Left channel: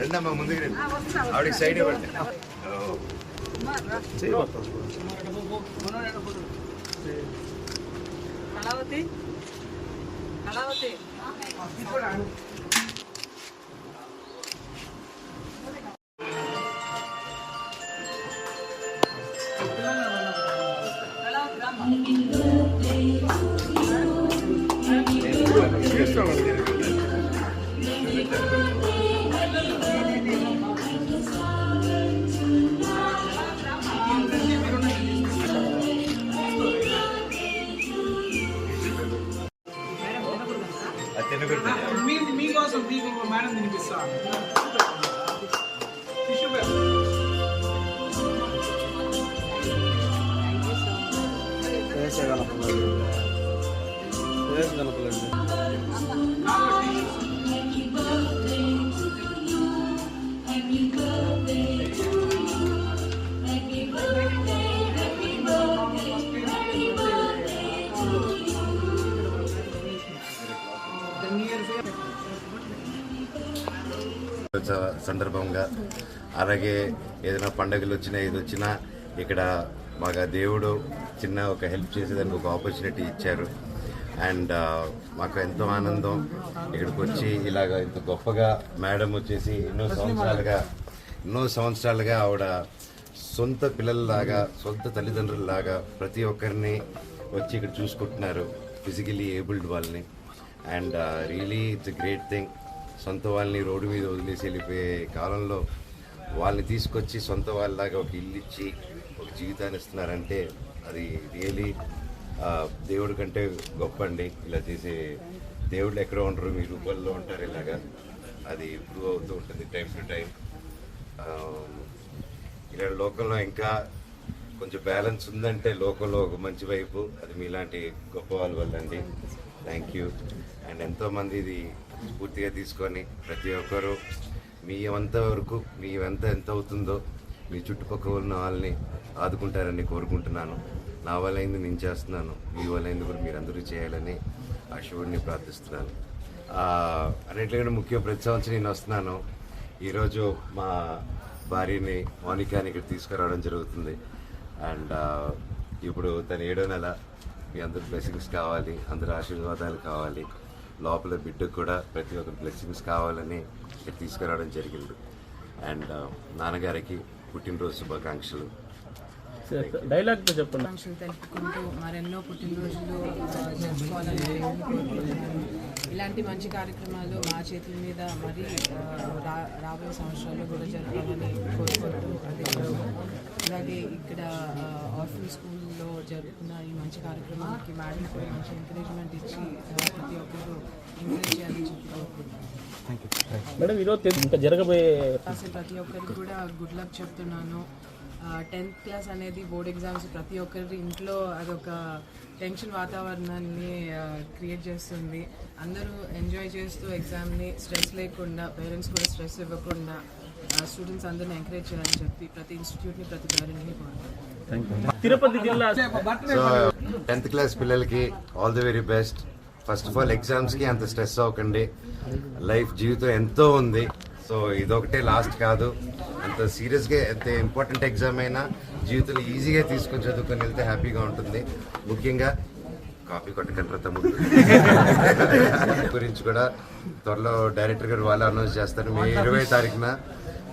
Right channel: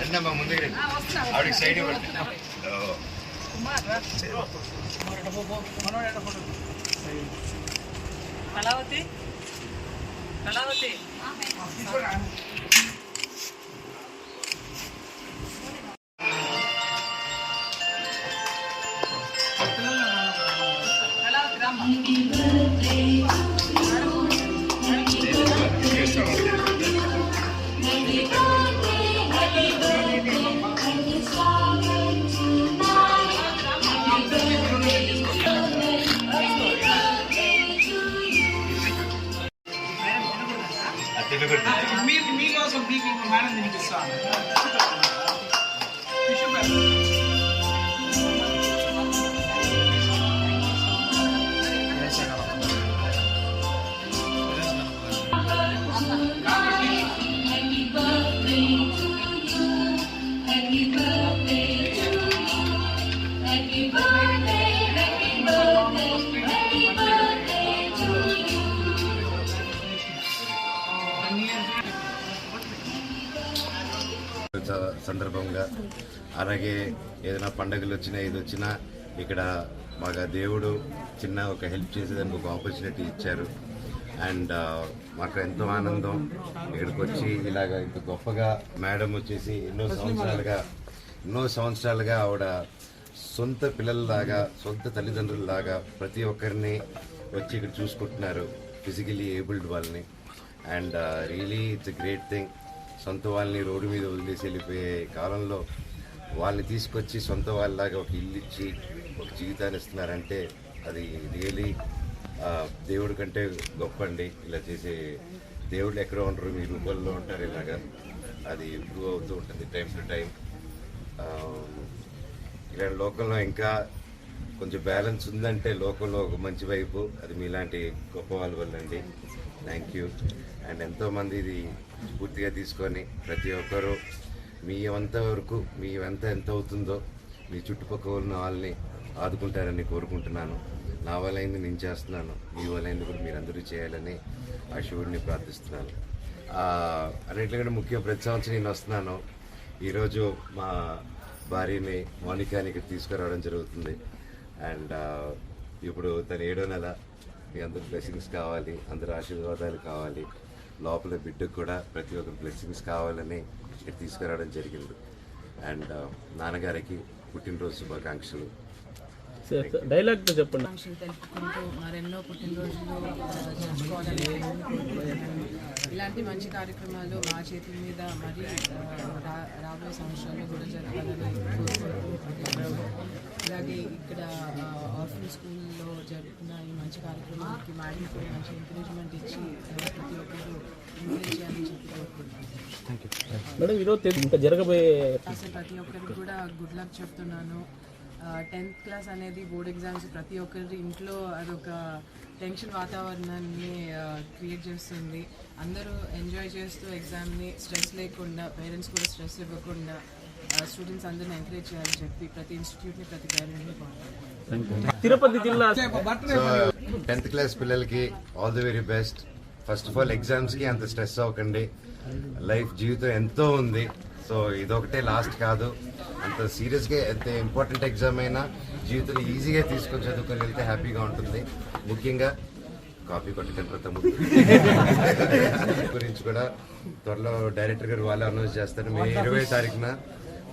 రెండమ్మా ముందుకు రండి ఆవిడకి సైడ్ ఇవ్వండి ఓ. కళావతి కళావతి కళావతి రామ్మ madam తినిపిస్తాను టిష్యూ పేపర్ స- సందర్భంగా. అలాగే ఏదైనా పండగలు వచ్చినా ఇది వచ్చినా ఇక్కడ మాకు దేవుడు చిన్న ఒక హెల్ప్ చేసేదానికి ఒక ఆపర్చునిటీ ఇచ్చారు. అండ్ మాకు ఎంతో ఆనందం. ఇక్కడికి వచ్చి ఇలాగ ఇంత గొప్పగా మేడం వచ్చేసి ఎన్నో సంవత్సరాలుగా ఎన్నో సంవత్సరాలుగా ఆవిడ సొంత పిల్లలలాగా సొంత తల్లిదండ్రులలాగా ప్రతి ఒక్కరిని వచ్చి ఇక్కడ చూసుకుంటున్నారు ఫిజికలీ ఏబుల్డ్ వాళ్ళని. And really it's great thing సొంత వాళ్ళని రోడ్డు మీద వదిలేసి వెళ్ళిపోయే కాలంలో వాళ్ళని తీసుకొచ్చి సొంత వాళ్ళలాగా ఒక ఇల్లు ఇచ్చి ఒక జీవితాన్ని ఇస్తున్నారంటే అది రియలీ దేవుడి కంటే గొప్ప అండి ఇలా చేసే దేవుళ్ళు ఎక్కడ ఉంటారు మీ రూపంలో ఉంటారు ఇలాగా. అది ఇంప్రూవ్ అవుతూ ఉంటుంది టైం టు టైం. ఇలా లోకంలో ఇంకా కొంచెం బ్యాలెన్స్ ఉందంటే లోకంలో ఒక మంచి వైపు అది మీలాంటి గొప్ప వాళ్ళ వల్ల అండి థ్యాంక్ యూ అండ్ ఎంతోమంది ఇది స్ఫూర్తిగా తీసుకొని ప్రతి ఒక్కరూ మీ అంత వరకు మీ ఎంత ఎంత అవుతుందో మీ చుట్టుపక్కల ఉన్న వాళ్ళని ఆదుకుంటారని కోరుకుంటున్నాను. నా వల్ల నేను చేస్తున్నాను. మీ వల్ల కూడా మీరందరూ చేయాలని ఆ శివుడిని ప్రార్థిస్తున్నాను. అన్నింటికంటే ముఖ్య ముఖ్యం ప్రతి సంవత్సరం నేను వస్తున్నాను. ఈరోజు మా భార్యని మౌనికాని ఇక్కడ తీసుకురావడం జరుగుతుంది. అండ్ ఇప్పుడు తను ఏడో నెల మీ అందరు బ్లెస్సింగ్స్ కావాలి అందరు ఆశీర్వాదాలు కావాలి. లోపల బిడ్డకు కూడా ప్రతి ఒక్క బ్లెస్సింగ్స్ కావాలని ఇక్కడ తీసుకురావడం జరిగింది. అండ్ నాన్నగారికి పుట్టినరోజు శుభాకాంక్షలు. డైలాగ్తో చెప్పండి. తెలుపుకుంటూ మరెన్నో పుట్టినరోజులు జరుపుకోవాలని కోరుకుంటున్నాను. ఇలాంటి మంచి కార్యక్రమాలు మా చేతుల మీద మరి ఆ, రా- రాబోయే సంవత్సరాల్లో కూడా జరపాలని కోరుకుంటూ అదే అలాగే ఇక్కడ ఆర్ఫన్ స్కూల్లో జరుపుకున్న ఈ మంచి కార్యక్రమాలకి మేడం కూడా మంచి ఎంకరేజ్మెంట్ ఇచ్చి ప్రతి ఒక్కరు ఎంకరేజ్ చేయాలని చెప్పి కోరుకుంటున్నాను. మేడం ఈరోజు తె- ఇంకా జరగబోయే రాసే ప్రతి ఒక్కరికి కూడా గుడ్ లక్ చెప్తున్నాను. టెన్త్ క్లాస్ అనేది బోర్డ్ ఎగ్జామ్స్ ప్రతి ఒక్కరి ఇంట్లో అదొక టెన్షన్ వాతావరణాన్ని క్రియేట్ చేస్తుంది. అందరూ ఎంజాయ్ చేస్తూ ఎగ్జామ్ని స్ట్రెస్ లేకుండా పేరెంట్స్ కూడా స్ట్రెస్ ఇవ్వకుండా స్టూడెంట్స్ అందరిని ఎంకరేజ్ చేయాలని చెప్పి ప్రతి ఇన్స్టిట్యూట్ని ప్రతి పేరెంట్ని తిరుపతి జిల్లా టెన్త్ క్లాస్ పిల్లలకి all the very best first of all ఎగ్జామ్స్కి అంత స్ట్రెస్ అవ్వకండి. లైఫ్ జీవితం ఎంతో ఉంది. సో ఇదొకటే లాస్ట్ కాదు. అంత సీరియస్గా ఎంత ఇంపార్టెంట్ ఎగ్జామ్ అయినా జీవితంలో ఈజీగా తీసుకొని చదువుకొని వెళ్తే హ్యాపీగా ఉంటుంది. ముఖ్యంగా కాఫీ కొట్టకండి తమ్ముడు. గురించి కూడా త్వరలో డైరెక్టర్ గారు వాళ్ళు అనౌన్స్ చేస్తారు. మే ఇరవై తారీఖున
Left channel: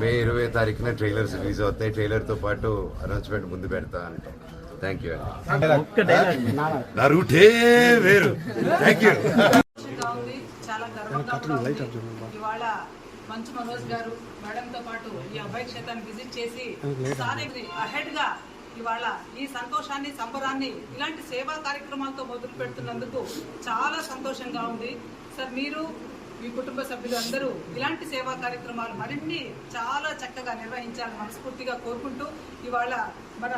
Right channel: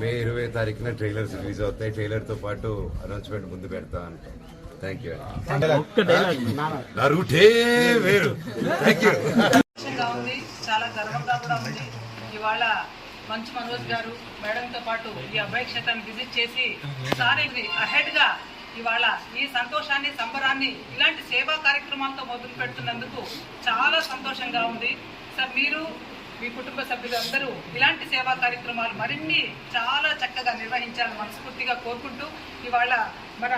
మే ఇరవై తారీఖున ట్రైలర్స్ రిలీజ్ అవుతాయి. ట్రైలర్తో పాటు అనౌన్స్మెంట్ ముందు పెడతా అంటాం. థ్యాంక్ యూ నా రూటే వేరు. థ్యాంక్ యూ చాలా గర్వంగా కూడా ఉంది. ఇవాళ మంచు మనోజ్ గారు మేడంతో పాటు ఈ అభయ క్షేత్రాన్ని విజిట్ చేసి సార్ అహెడ్గా ఇవాళ ఈ సంతోషాన్ని సంబరాన్ని ఇలాంటి సేవా కార్యక్రమాలతో మొదలు పెడుతున్నందుకు చాలా సంతోషంగా ఉంది. సార్ మీరు మీ కుటుంబ సభ్యులు అందరూ ఇలాంటి సేవా కార్యక్రమాలు మరిన్ని చాలా చక్కగా నిర్వహించాలని మనస్ఫూర్తిగా కోరుకుంటూ ఇవాళ మన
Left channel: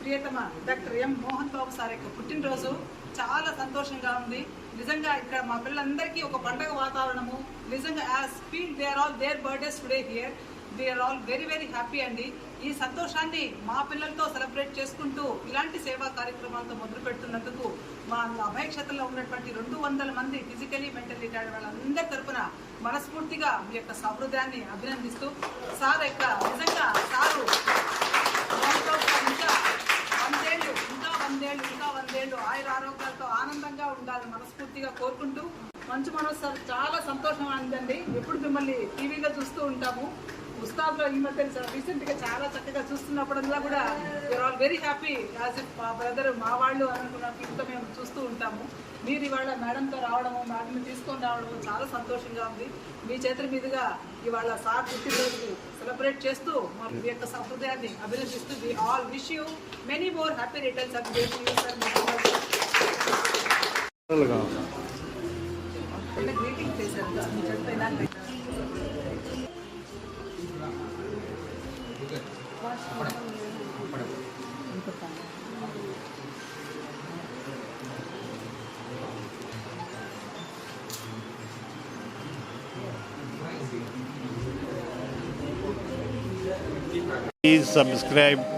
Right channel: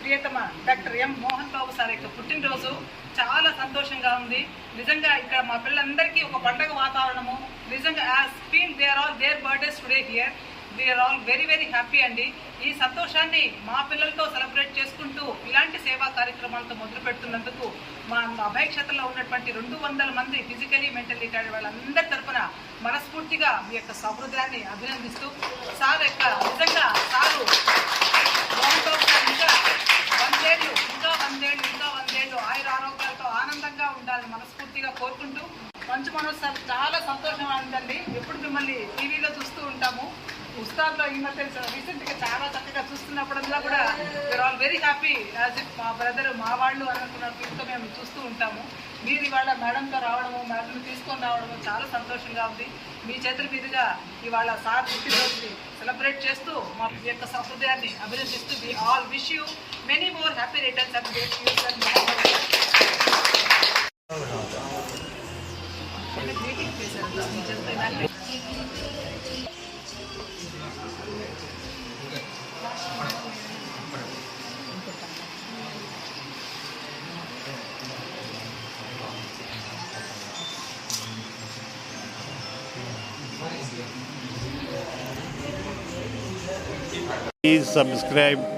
ప్రియతమ doctor M Mohan Babu sir యొక్క పుట్టినరోజు చాలా సంతోషంగా ఉంది. నిజంగా ఇక్కడ మా పిల్లలందరికీ ఒక పండగ వాతావరణము. నిజంగా as feel they are all there birthdays today here we are all very very happy అండి. ఈ సంతోషాన్ని మా పిల్లలతో సెలబ్రేట్ చేసుకుంటూ ఇలాంటి సేవా కార్యక్రమాలతో మొదలు పెడుతున్నందుకు మా అభయక్షతలో ఉన్నటువంటి రెండు వందల మంది ఫిజికలీ మెంటల్లీ కాడే వాళ్ళందరి తరఫున మనస్ఫూర్తిగా మీ యొక్క సహృదయాన్ని అభినందిస్తూ సార్ యొక్క నిజంగా సారు మనస్ఫూర్తిగా కోరుకుంటూ మంచు మనోజ్ సార్ చాలా సంతోషం అందండి ఎప్పుడు మిమ్మల్ని టీవీలో చూస్తూ ఉంటాము. ఉస్తాద్లో ఈ మధ్య రీసెంట్గా చాలా చక్కగా చూస్తున్నప్పుడల్లా కూడా we are all very happy as if మా బ్రదర్ మా వాళ్ళు అనుకున్న ఫీల్తో మేము చూస్తూ ఉంటాము. మీరు ఇవాళ మేడంతో రావడము మేడంని తీసుకొని రావడము చాలా సంతోషంగా ఉంది. మీ చేతుల మీదుగా ఇవాళ సార్ పుట్టినరోజుని సెలబ్రేట్ చేస్తూ మా యొక్క సహృదయాన్ని అభినందిస్తూ we all wish you many more happy returns of Please subscribe